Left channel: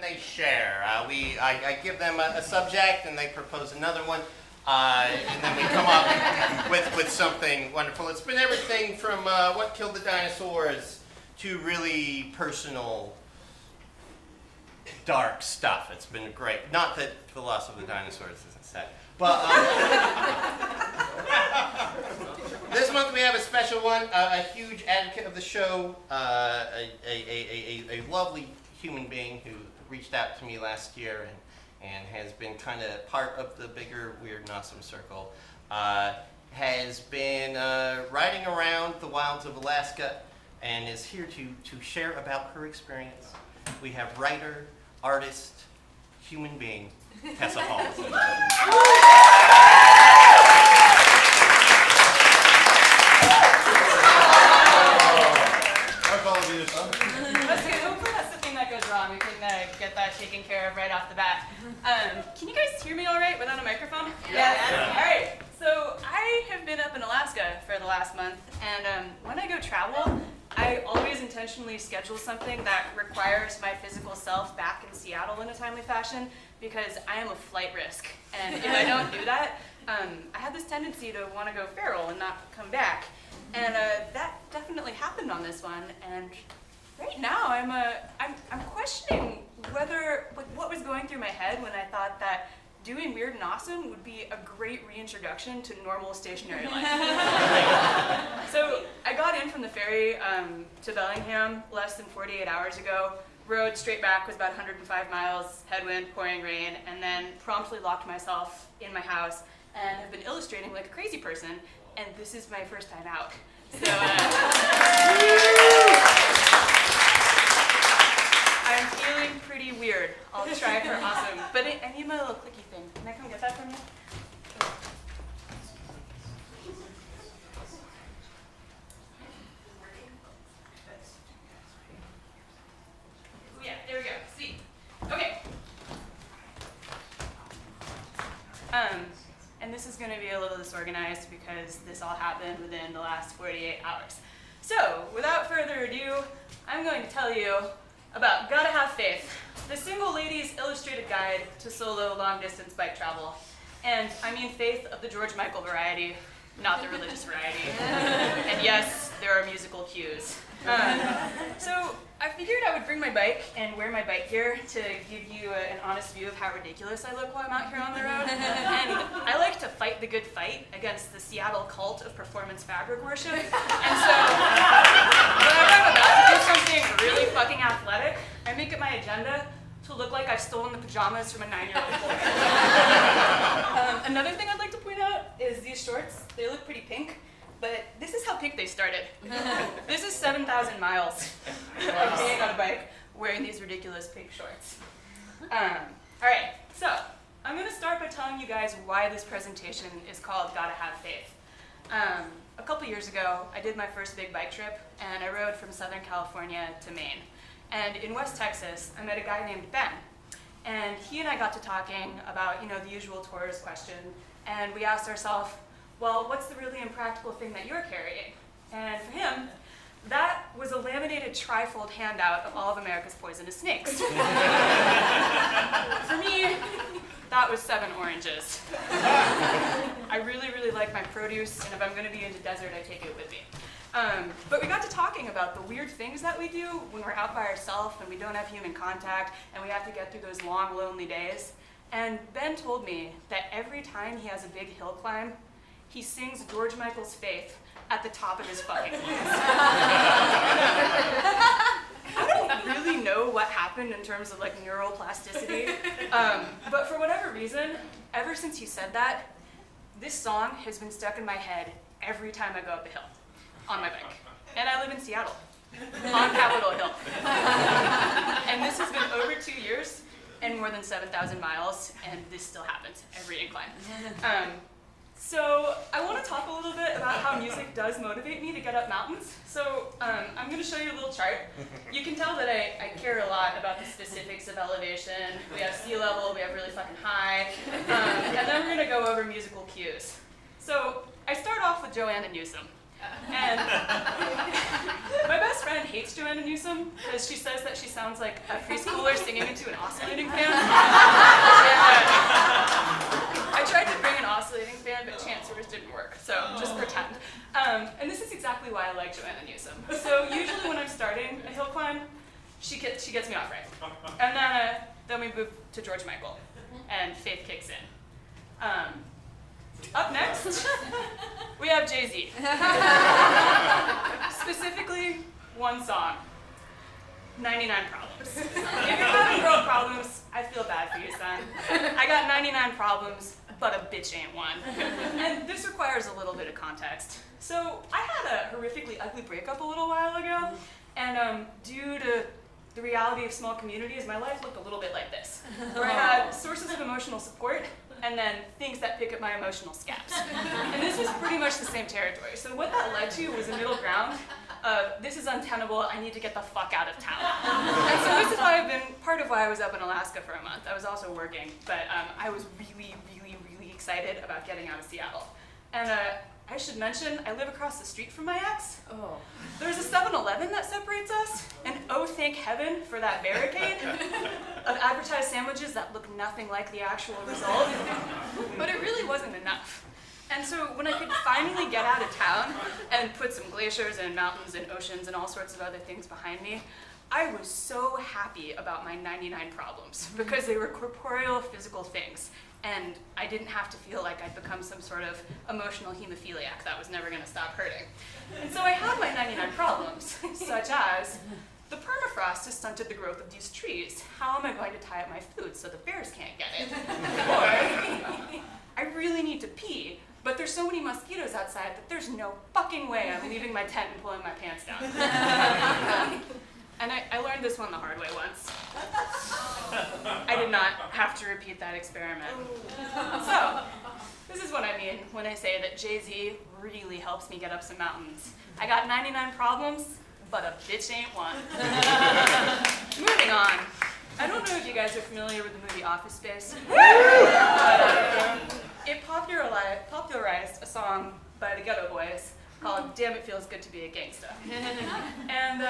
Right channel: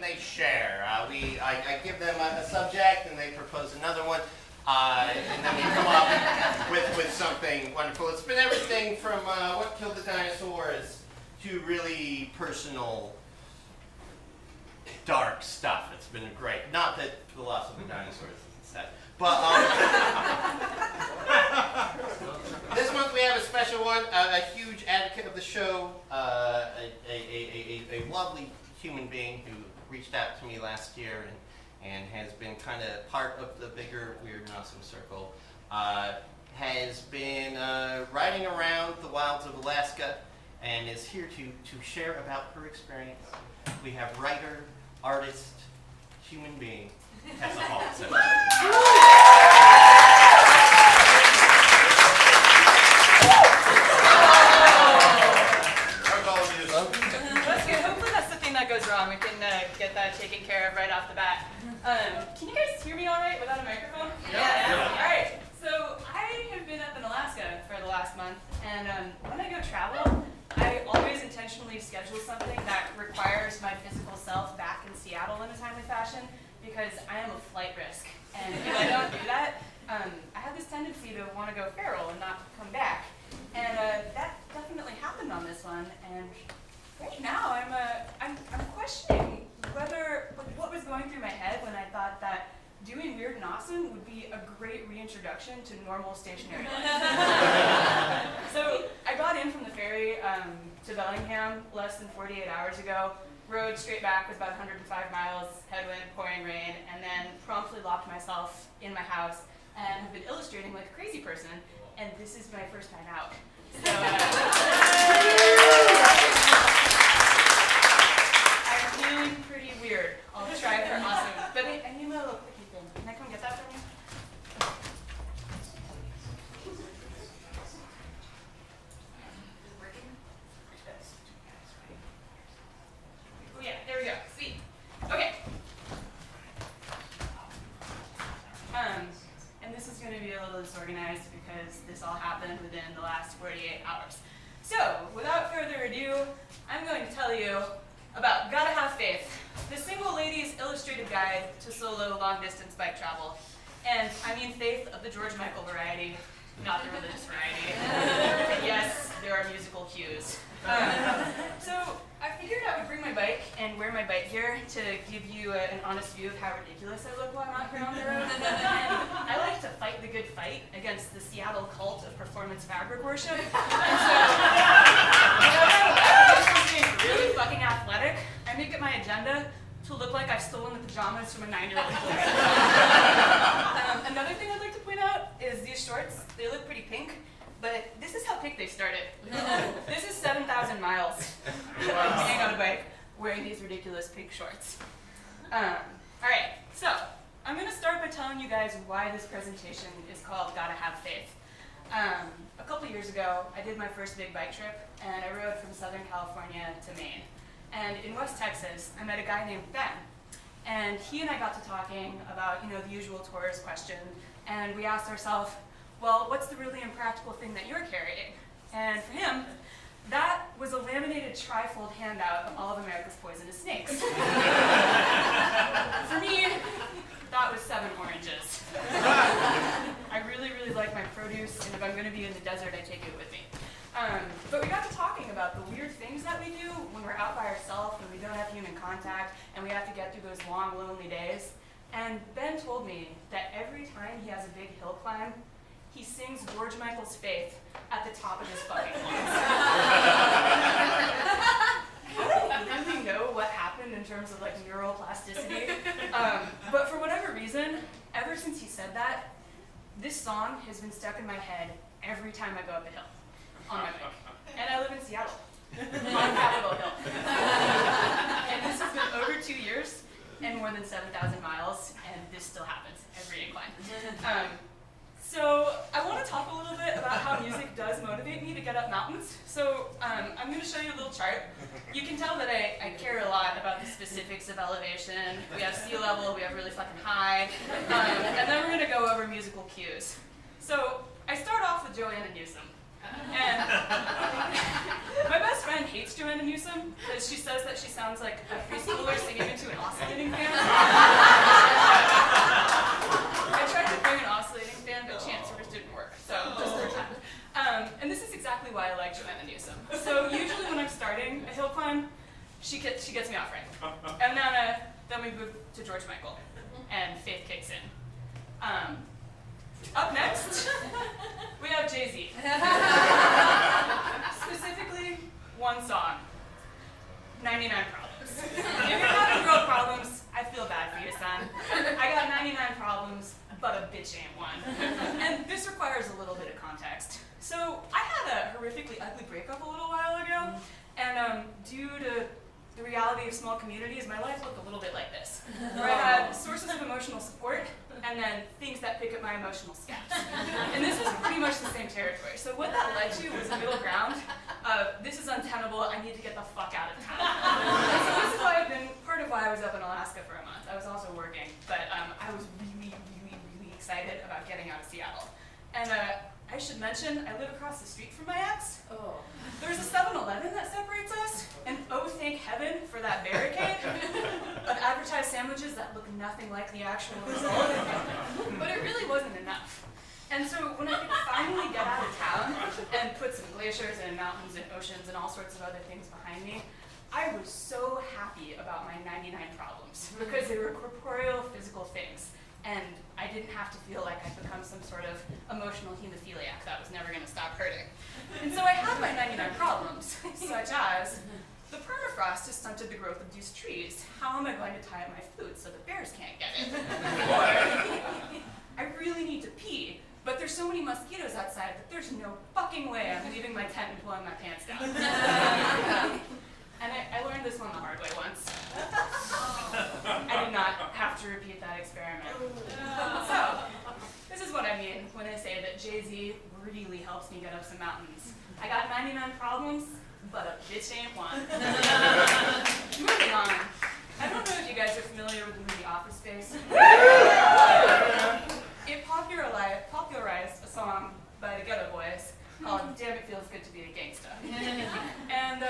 and they share. I give them a subject and they propose another one, and then we come up with something wonderful. It's been everything from What Killed the Dinosaurs to really personal, dark stuff. It's been great. Not that the loss of the dinosaurs isn't sad, but this month we have a special one. A huge advocate of the show, a lovely human being who reached out to me last year and has been kind of part of the bigger Weird and Awesome circle. Has been riding around the wilds of Alaska and is here to share about her experience. We have writer, artist, human being, Tessa Hall. That's good. Hopefully that's the thing that goes wrong. We can get that taken care of right off the bat. Can you guys hear me all right without a microphone? Yeah. All right. So I have been up in Alaska for the last month, and when I go travel, I always intentionally schedule something that requires my physical self back in Seattle in a timely fashion, because I am a flight risk. And if I don't do that, I have this tendency to want to go feral and not come back. And that definitely happened on this one. And right now, I'm questioning what was going through my head when I thought that doing Weird and Awesome would be a great reintroduction to normal stationary life. So I got in from the ferry to Bellingham less than 48 hours ago. Rode straight back was about 105 miles, headwind, pouring rain, and then promptly locked myself in my house and have been illustrating like a crazy person. And this is my first time out. So I'm feeling pretty weird. I'll try for awesome. But I need my little clicky thing. Can I come get that from you? Oh yeah, there we go. Sweet. Okay. And this is going to be a little disorganized because this all happened within the last 48 hours. So, without further ado, I'm going to tell you about Gotta Have Faith, the single lady's illustrated guide to solo long-distance bike travel. And I mean faith of the George Michael variety, not the religious variety. And yes, there are musical cues. So I figured I would bring my bike and wear my bike gear to give you an honest view of how ridiculous I look while I'm out here on the road. And I like to fight the good fight against the Seattle cult of performance fabric worship. And so whenever I'm about to do something really fucking athletic, I make it my agenda to look like I've stolen the pajamas from a 9-year-old boy. Another thing I'd like to point out is these shorts. They look pretty pink. But this is how pink they started. This is 7,000 miles of being on a bike wearing these ridiculous pink shorts. All right, so I'm going to start by telling you guys why this presentation is called Gotta Have Faith. A couple years ago, I did my first big bike trip, and I rode from Southern California to Maine. And in West Texas, I met a guy named Ben. And he and I got to talking about, the usual tourist question, and we asked ourselves, well, what's the really impractical thing that you're carrying? And for him, that was a laminated trifold handout of all of America's poisonous snakes. For me, that was 7 oranges. I really, really like my produce, and if I'm going to be in the desert, I take it with me. But we got to talking about the weird things that we do when we're out by ourselves and we don't have human contact, and we have to get through those long, lonely days. And Ben told me that every time he has a big hill climb, he sings George Michael's Faith at the top of his fucking voice. I don't really know what happened in terms of neuroplasticity, but for whatever reason, ever since he said that, this song has been stuck in my head every time I go up a hill on my bike. And I live in Seattle, on Capitol Hill. And this has been over 2 years and more than 7,000 miles, and this still happens every incline. So I want to talk a little bit about how music does motivate me to get up mountains. So I'm going to show you a little chart. You can tell that I care a lot about the specifics of elevation. We have sea level, we have really fucking high, and then we're going to go over musical cues. So I start off with Joanna Newsom. And my best friend hates Joanna Newsom because she says that she sounds like a preschooler singing into an awesome off right. And then we move to George Michael, and faith kicks in. Up next, we have Jay-Z. Specifically, one song, 99 Problems. If you're having girl problems, I feel bad for you, son. I got 99 problems, but a bitch ain't one. And this requires a little bit of context. So I had a horrifically ugly breakup a little while ago, and due to the reality of small communities, my life looked a little bit like this, where I had sources of emotional support, and then things that pick up my emotional scabs. And this was pretty much the same territory. So what that led to was a middle ground of, this is untenable, I need to get the fuck out of town. And so this is why part of why I was up in Alaska for a month. I was also working, but I was really, really, really excited about getting out of Seattle. And I should mention, I live across the street from my ex. Oh. There's a 7-Eleven that separates us, and oh thank heaven for that barricade of advertised sandwiches that look nothing like the actual result. But it really wasn't enough. And so when I could finally get out of town and put some glaciers and mountains and oceans and all sorts of other things behind me, I was so happy about my 99 problems because they were corporeal, physical things. And I didn't have to feel like I'd become some sort of emotional hemophiliac that was never going to stop hurting. And so I had my 99 problems, such as the permafrost has stunted the growth of these trees. How am I going to tie up my food so the bears can't get it? Or I really need to pee, but there's so many mosquitoes outside that there's no fucking way I'm leaving my tent and pulling my pants down. And I learned this one the hard way once. I did not have to repeat that experiment. So, this is what I mean when I say that Jay-Z really helps me get up some mountains. I got 99 problems, but a bitch ain't one. Moving on. I don't know if you guys are familiar with the movie Office Space. It popularized a song by the Ghetto Boys called Damn It Feels Good to Be a Gangsta. And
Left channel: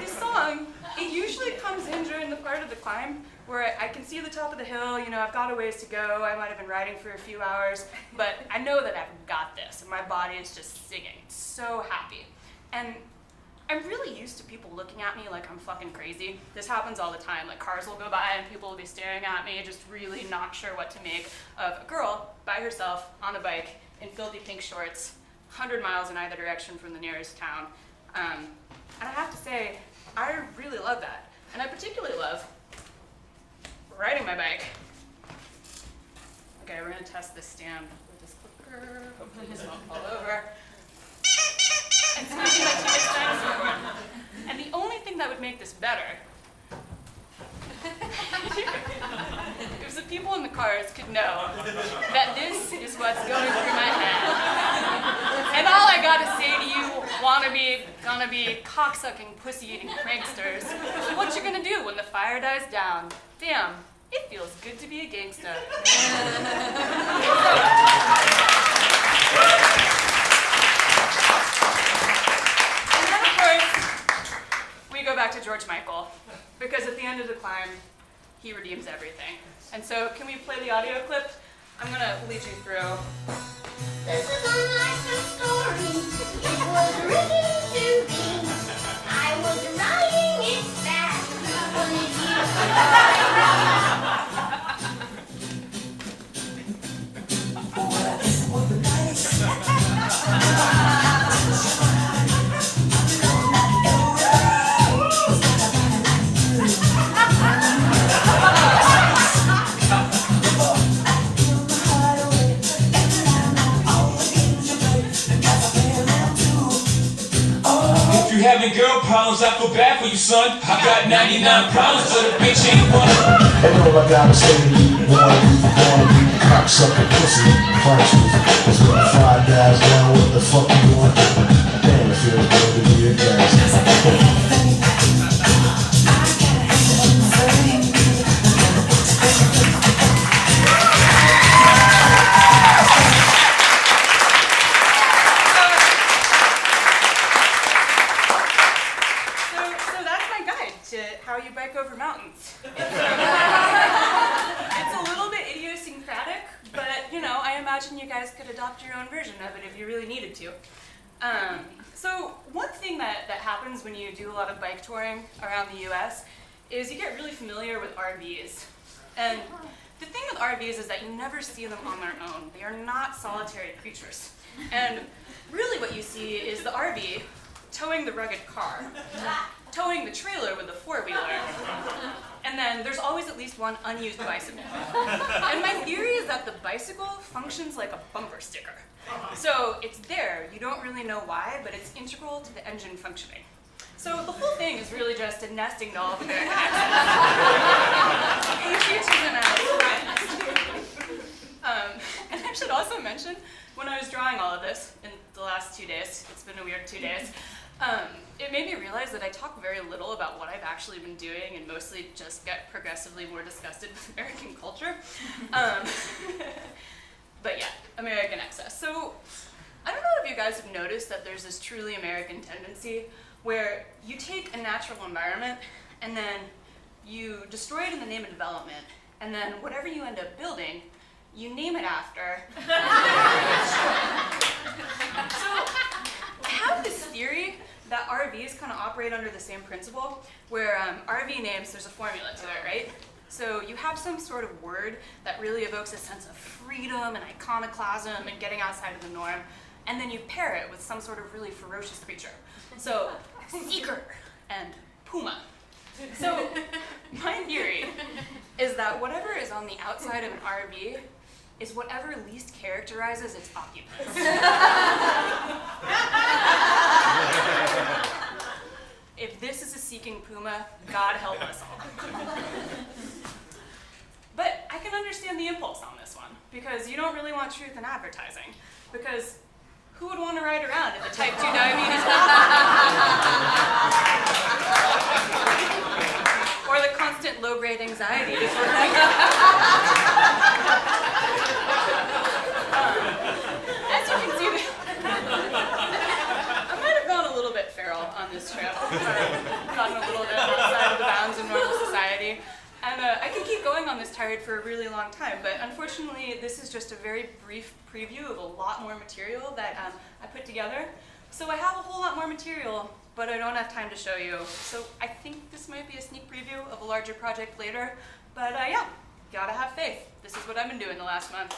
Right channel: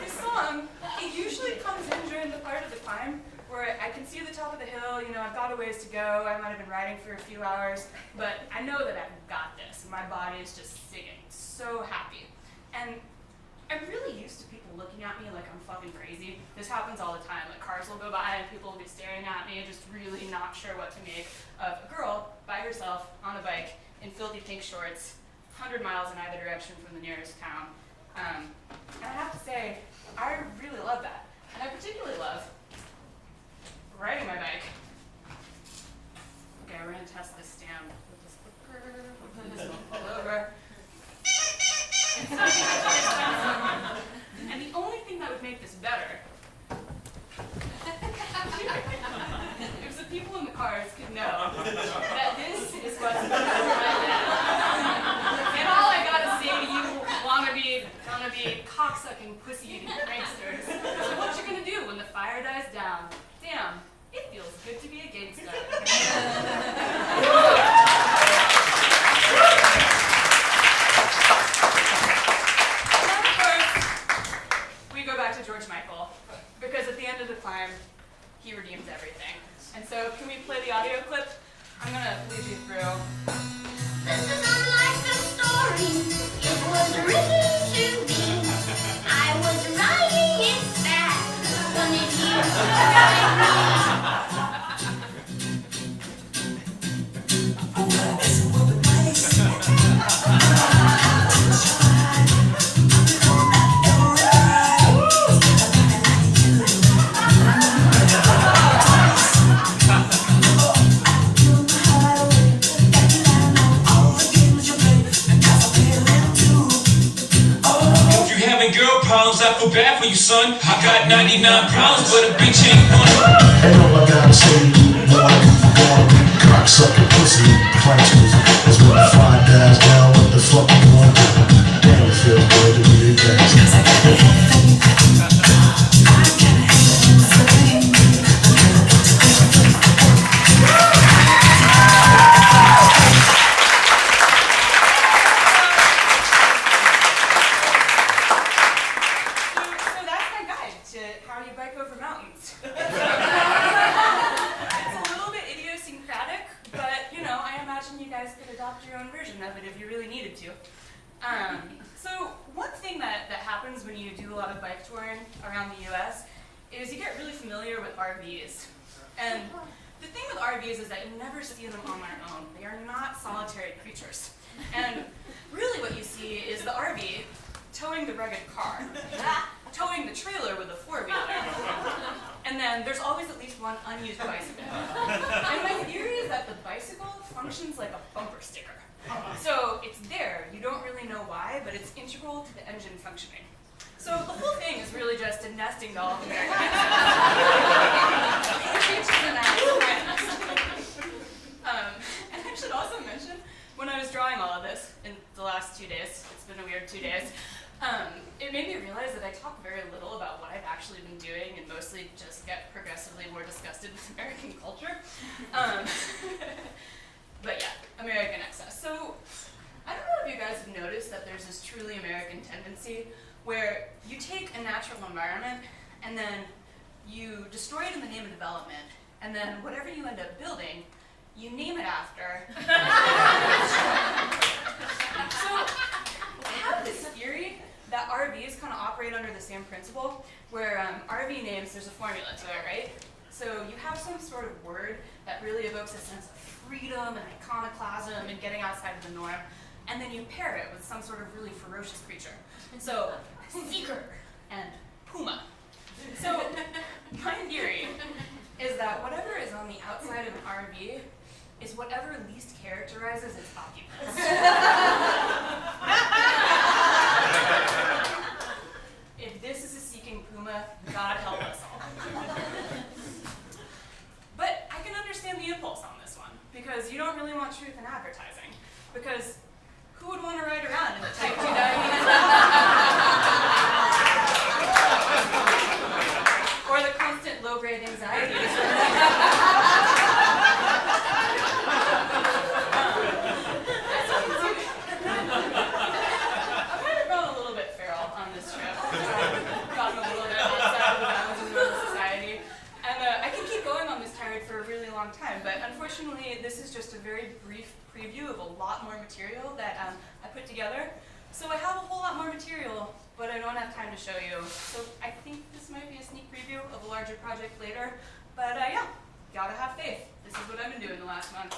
this song, it usually comes in during the part of the climb where I can see the top of the hill, you know, I've got a ways to go, I might have been riding for a few hours, but I know that I've got this, and my body is just singing, so happy. And I'm really used to people looking at me like I'm fucking crazy. This happens all the time, like cars will go by and people will be staring at me, just really not sure what to make of a girl by herself on a bike in filthy pink shorts, 100 miles in either direction from the nearest town. And I have to say, I really love that. And I particularly love riding my bike. Okay, we're gonna test this stand with this clicker. Hopefully this won't fall over. And so and the only thing that would make this better is the people in the cars could know that this is what's going through my head. And all I gotta say to you, gonna be cocksucking, pussy-eating pranksters, what you gonna do when the fire dies down? Damn, it feels good to be a gangsta. And then, of course, we go back to George Michael, because at the end of the climb, he redeems everything. And so, can we play the audio clip? I'm gonna lead you through. This is unlike a story. It was written to me. I was writing it fast. Girl problems, I feel bad for you, son. I got 99 problems, but a bitch ain't one. And all I gotta say to you, wanna be cocksucking pussy pranksters. Cause when the fire dies down, what the fuck you gonna do? Damn, it feels good to be a gangster. So one thing that happens when you do a lot of bike touring around the US is you get really familiar with RVs. And the thing with RVs is that you never see them on their own. They are not solitary creatures. And really what you see is the RV towing the rugged car, towing the trailer with a four-wheeler, and then there's always at least one unused bicycle. And my theory is that the bicycle functions like a bumper sticker. So it's there, you don't really know why, but it's integral to the engine functioning. So the whole thing is really just a nesting doll of American patriotism at its finest. And I should also mention, when I was drawing all of this in the last 2 days, it's been a weird 2 days, it made me realize that I talk very little about what I've actually been doing and mostly just get progressively more disgusted with American culture. But yeah, American excess. So I don't know if you guys have noticed that there's this truly American tendency where you take a natural environment and then you destroy it in the name of development, and then whatever you end up building, you name it after. So I have this theory that RVs kind of operate under the same principle, where RV names, there's a formula to it, right? So you have some sort of word that really evokes a sense of freedom and iconoclasm and getting outside of the norm, and then you pair it with some sort of really ferocious creature. So, seeker and puma. So, my theory is that whatever is on the outside of an RV is whatever least characterizes its occupants. If this is a seeking puma, God help us all. But I can understand the impulse on this one, because you don't really want truth in advertising. Because who would want to ride around in the type 2 diabetes? Or the constant low-grade anxiety before as you can see, I might have gone a little bit feral on this trip. Gotten a little bit outside of the bounds of normal society. And I could keep going on this tirade for a really long time, but unfortunately this is just a very brief preview of a lot more material that I put together. So I have a whole lot more material, but I don't have time to show you. So I think this might be a sneak preview of a larger project later. But yeah, gotta have faith. This is what I've been doing the last month.